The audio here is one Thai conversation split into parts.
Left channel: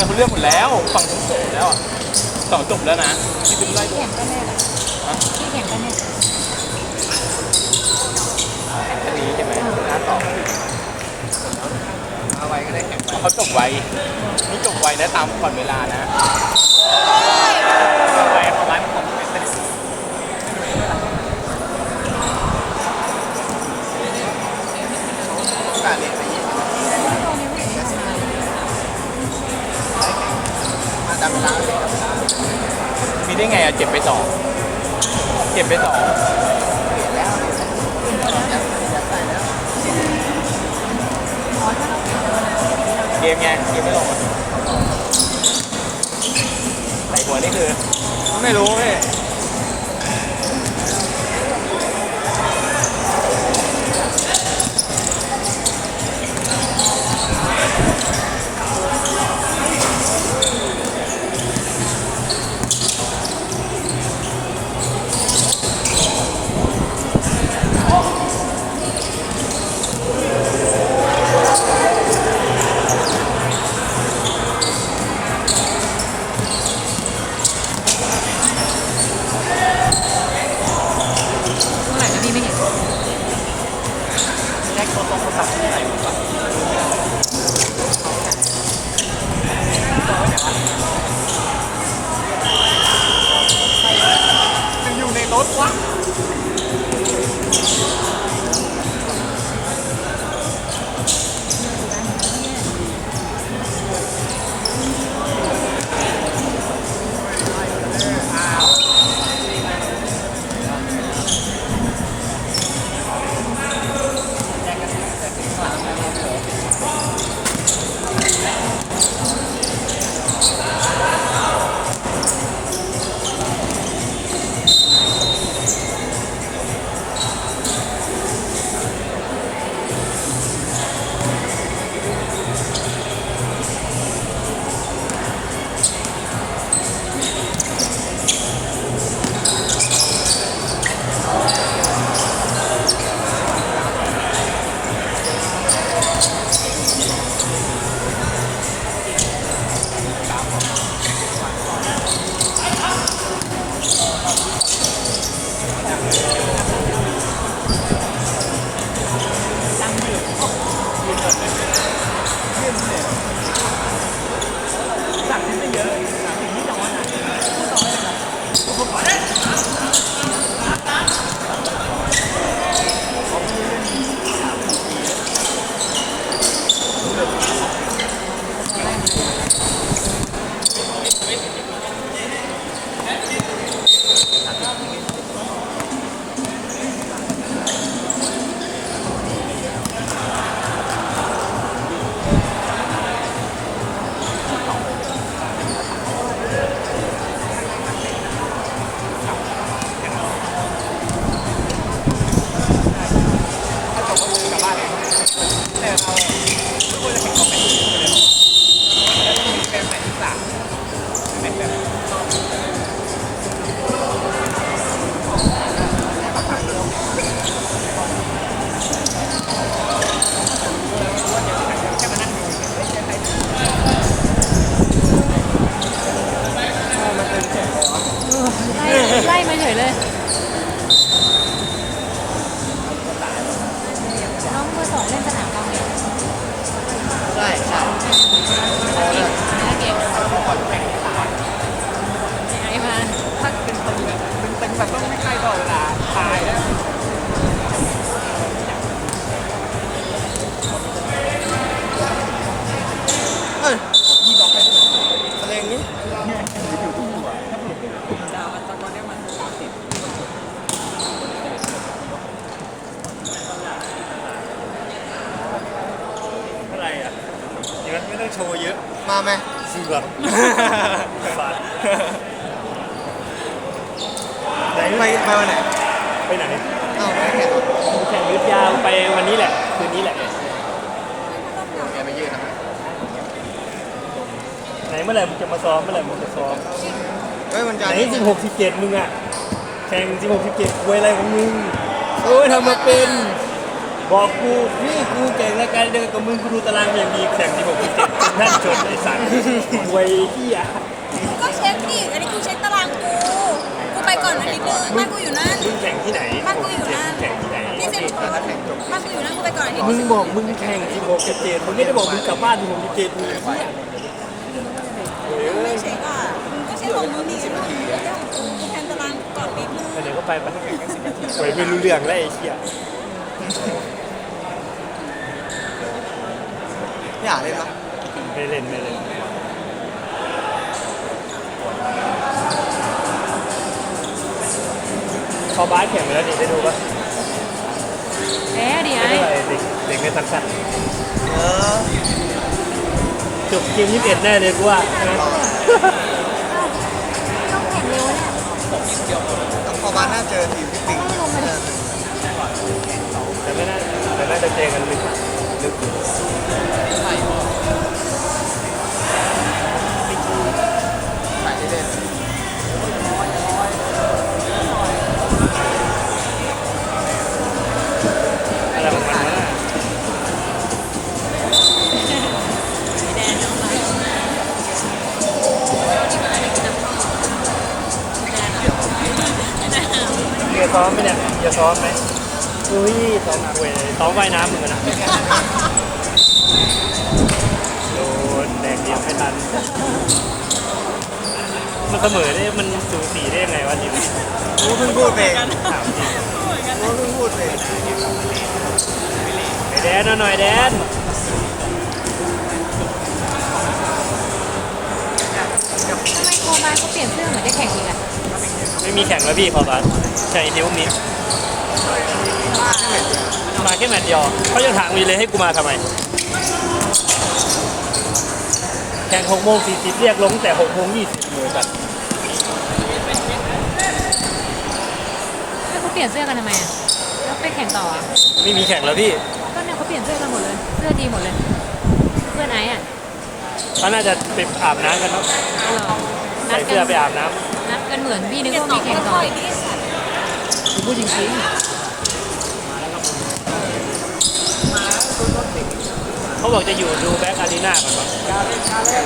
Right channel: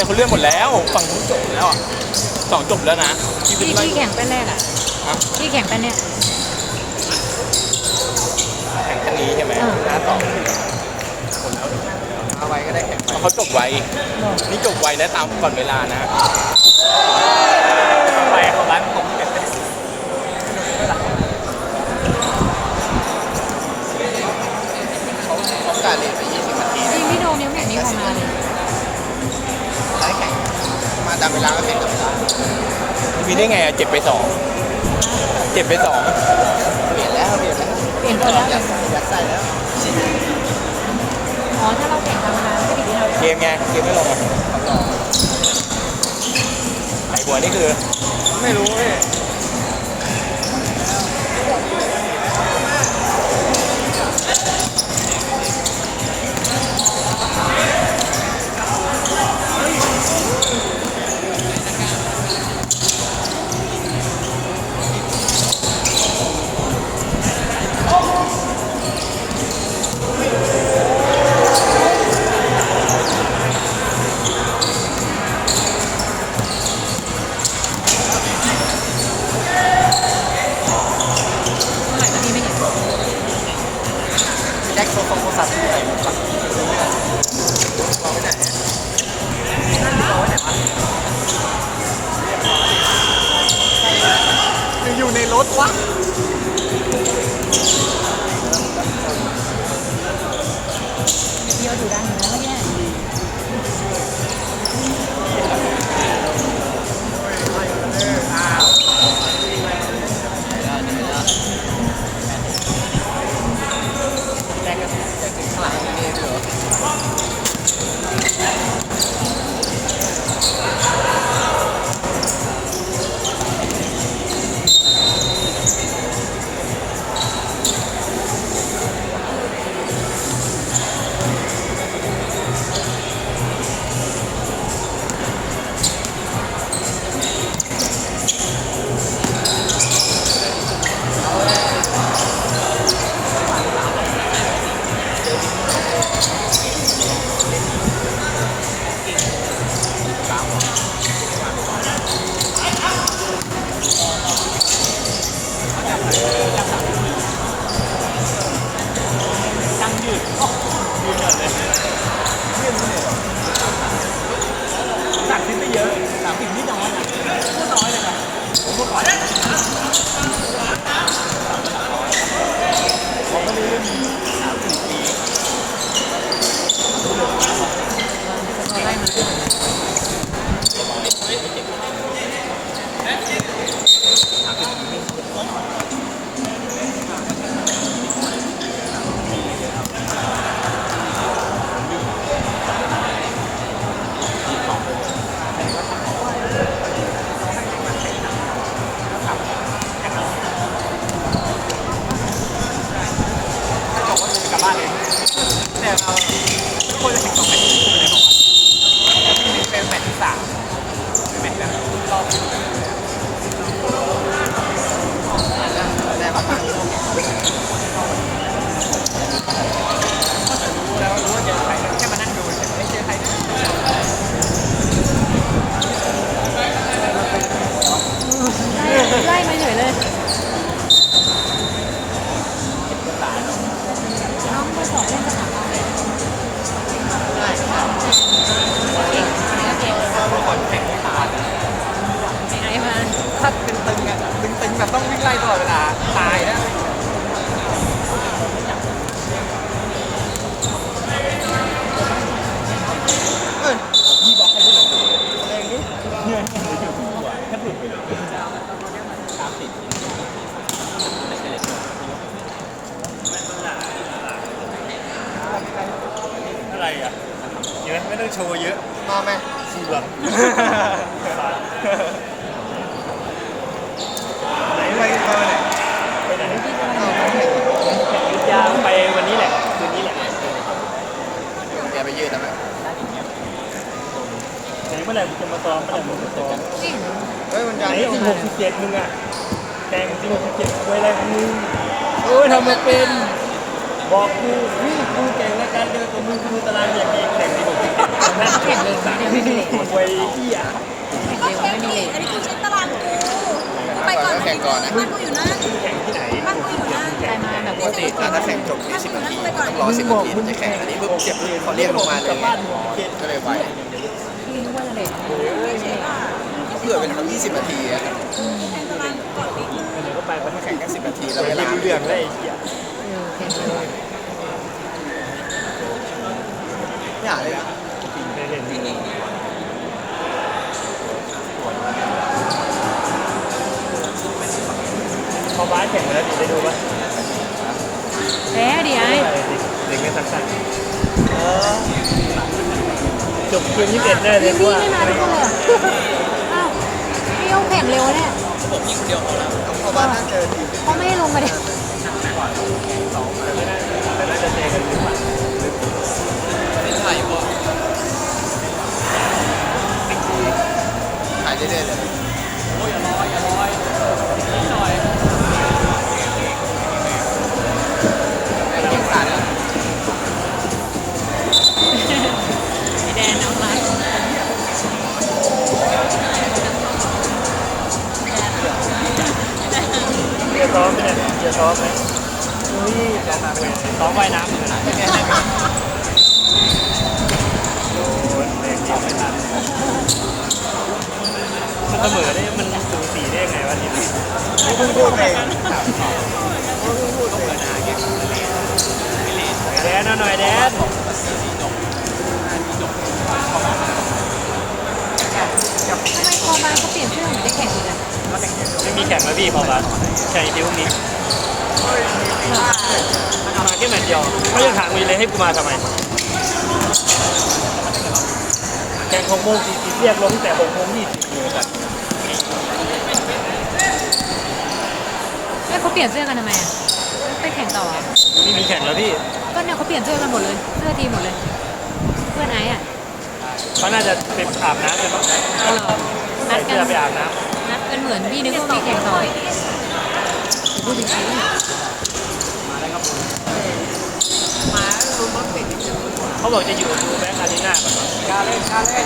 องทุ่มเลยเขาเลื่อนหมดแล้วสองทุ่มจบแล้วอะสองจบแล้วนะที่ที่เป็นไรที่แข่งเป็นเน็ตอะที่แข่งเป็นเน็ตแข่งคันนี้ใช่ไหมเออเอาไว้ก็ได้แข่งเขาจบไวนี่จบไวนะตามก่อนเวลานะแรงประมาณของเป็นไปที่พี่ มีได้ไงอะเจ็บไปสองเจ็บไปสองเปลี่ยนแล้วเปลี่ยนแล้วเกมไงเกมไม่ลงอะไอ้หัวนี่คือ ไม่รู้เว้ย ไหนไปเธอไหนไปไหนแข่งยุดยาวไปวันนี้แหละ คืนนี้แหละแกไปยืดนะแบบในเมื่อไหร่มึงจะมาซ้อมเมื่อไหร่มึงจะซ้อมเฮ้ยมันจะไหนสิบหกสิบเจ็ดมึงอะแข่งสิบหกสิบเจ็ดคุยอะไรของมึงโอ้ยทำมาเป็น บอกกูพี่กูแข่งรายการเดียวกับมึงกูดูตารางอย่างดีแข่ง นั่นจบเลยสามคุยเหี้ยก็เช็คอีกอันนี้กูเช็คตารางกูกูไปก่อนอันนี้กูบ้านกูอยู่นั่นมึงแข่งที่ไหนบ้านกูอยู่นั่นแข่งที่ไหนนี่สิถ้าแข่งจบบ้านกูอยู่นั่นกูไปก่อนอันนี้มึกูงสิบอกมึงแข่งสิบหกสิบเจ็ดมึงไม่ได้บอกมึงกลับบ้านสิบหกสิบเจ็ดก็เลยไปไม่เหลือเป็นยี่สิบนาทีอะแข่งตารางก่อนปีนึงเดี๋ยวก็ไปมันแข่งแค่สิบนาทีไม่รู้เรื่องแล้วไอ้เหี้ย เกมยี่ ไหมเนี่ยจะซ้อมไหมดูยี่แต่มาเว้ยซ้อมว่ายน้ำเหมือนกันนะแรงเดียวไม่ทันมันเสมอได้มันสูสีได้ยังไงวะทีมนี่เพิ่งพูดเองนี่เพิ่งพูดเองแดนหน่อยแดนทำไมโคมาเขาเปลี่ยนเสื้อเหมือนจะแข่งอีกอะไม่มีแข่งแล้วพี่พอปะใช่เดี๋ยวนี้ มาแค่แมตช์เดียวเขายังถามกูอยู่เลยให้กูมาทำไมแข่งหกโมงสี่สิบเรียกลงตั้งแต่หกโมงยี่สิบเลยกันเอ้ยเขาเปลี่ยนเสื้อกันทำไมอะแล้วไปแข่งต่ออะไม่มีแข่งแล้วพี่ก็เนี่ยเขาเปลี่ยนเสื้อกันหมดเลย เสื้อทีมหมดเลย เพื่อนไอ้อะเขาน่าจะไปอาบน้ำกันเนาะก็รอนัใส่ดกัเสื้น อไปอาบน้นัดกันเหมือนพี่นึกว่ามีแข่งต่อพูดจริง เขาบอกจะอยู่ดูแบ็คอารีนาก่อน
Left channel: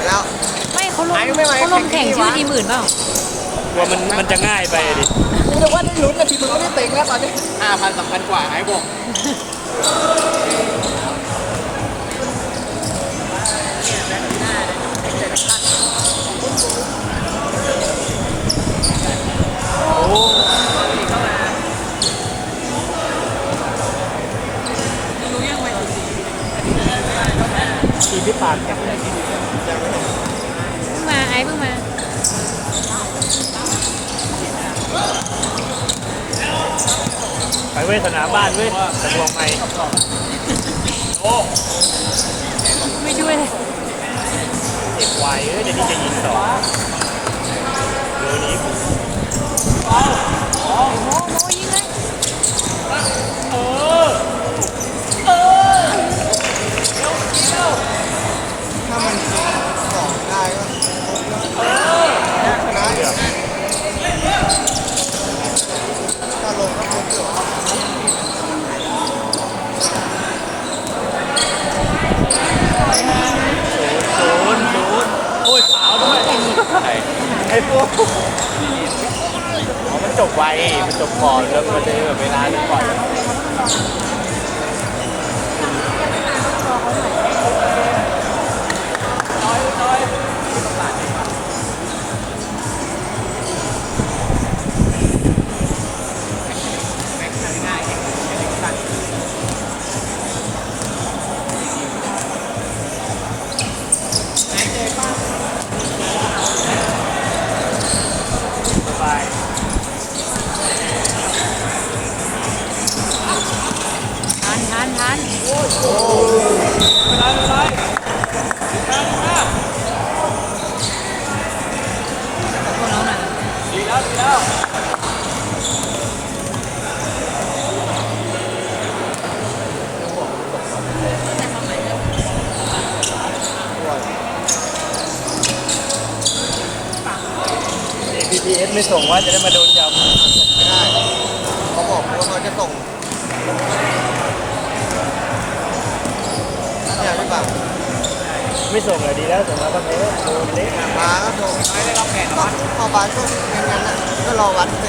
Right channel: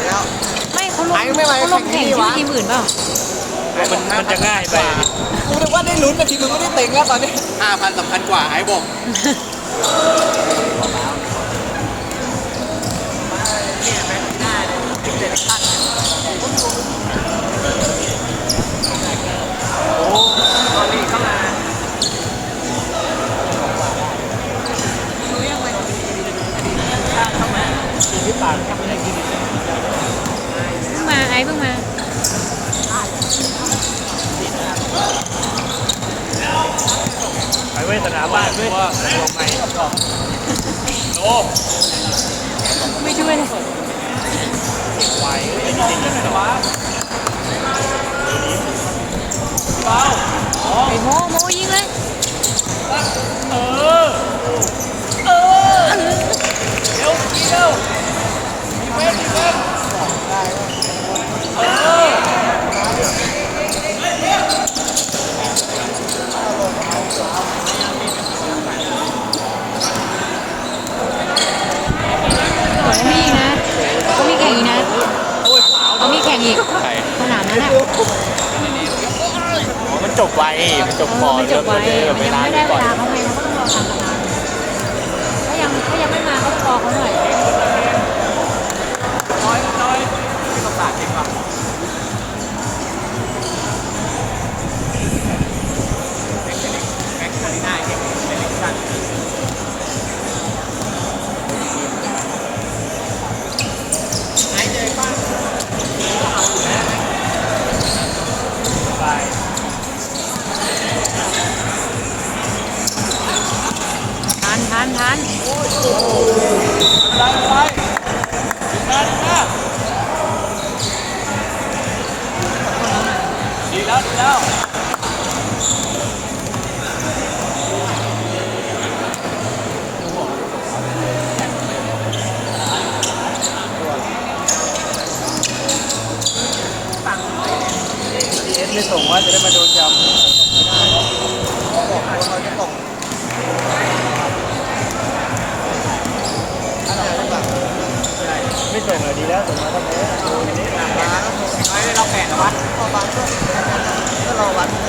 แล้วๆไม่เขาลงเขาลงแข่งชื่อทีมอื่นเปล่ามันมันจะง่ายไปดิกูนึกว่าได้ลุ้นนะทีมึงไม่ได้เต็งแล้วตอนนี้ห้าพันสำคัญกว่าไอ้บอก ไปไม่ด้วยเลยเก็บไว้เว้ยจะยิงจะยิงแต่ว่าไอ้โมโมยิงเลย ไม่ส่งเลยดีแล้วส่งมาก็แพ้โดนเละร้านก็โทรไม่ได้รับแฟนหรอวะพอบ้านส่งแค่นั้นก็รอวัดไป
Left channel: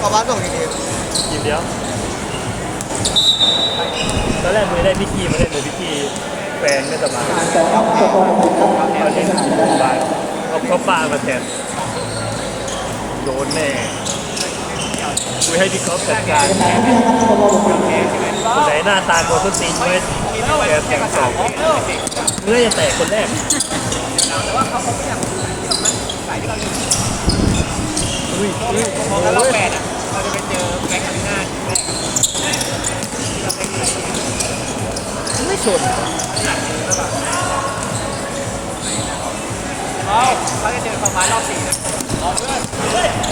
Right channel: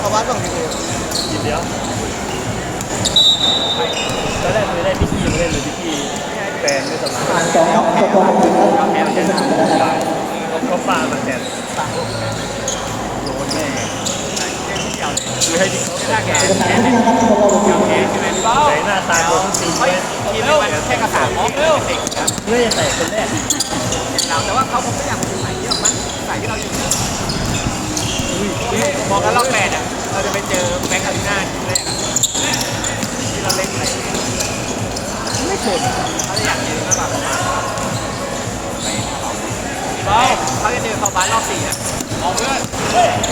พอบ้านส่งกี่เกมทีเดียวตอนแรกไม่ได้พิธีมาเล่นเลยพิธีแฟนไม่สำคัญสองครับสองคนผิดครับแมวเล่นเขาฟาเขาเขาฟามาแทนโดนแน่คือให้ที่เขาจัดการ หน้าตาโดนทุกตีนไม่แกแทงสองเนื้อจะแตกคนแรกมองแล้วเราแฟนอะเราจะไปเจอแม็กซ์หน้าแรกเราเล่นไหนไม่สนไม่เขาจะเจอประมาณรอบสี่นะ